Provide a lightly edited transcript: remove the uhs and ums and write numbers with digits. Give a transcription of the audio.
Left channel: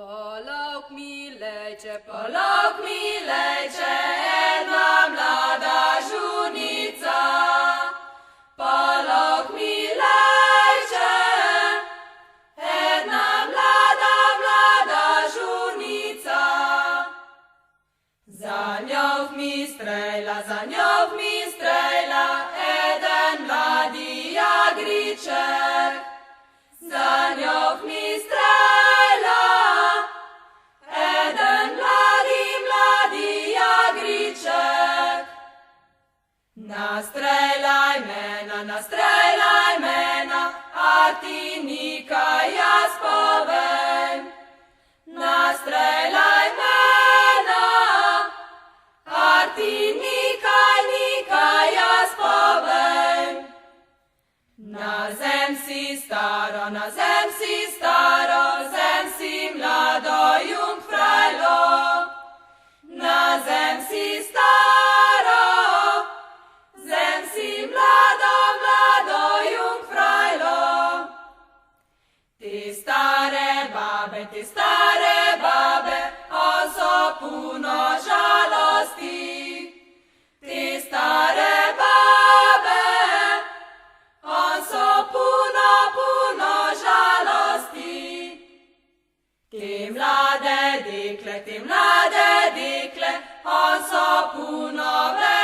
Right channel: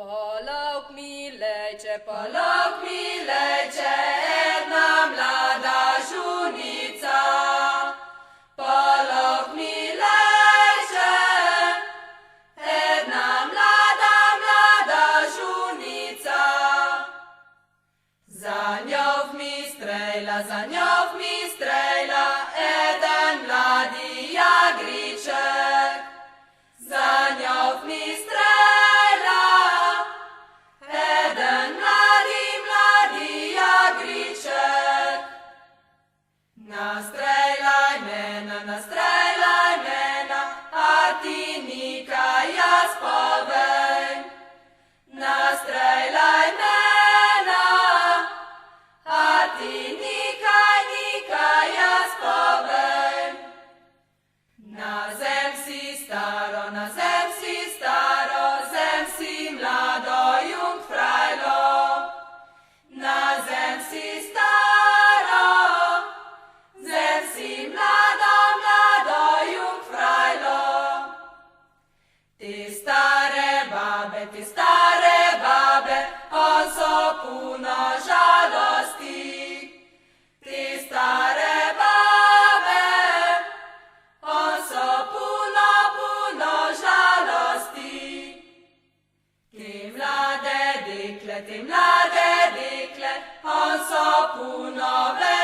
Polog milejče, Polog milejče, jedna mlada žunica. Polog milejče, jedna mlada žunica. Za njo v mi strejla, eden mladi jagriček. Za njo v mi strejla, eden mladi jagriček. Nastrejlaj mena, a ti nikaj jaz povem. Nastrejlaj mena, a ti nikaj jaz povem. Na zem si staro, zem si mlado jungfrajlo. Na zem si staro, zem si mlado jungfrajlo. Te stare babe, on so puno žalosti. Te stare babe, on so puno žalosti. Te mlade dekle, on so puno veseli.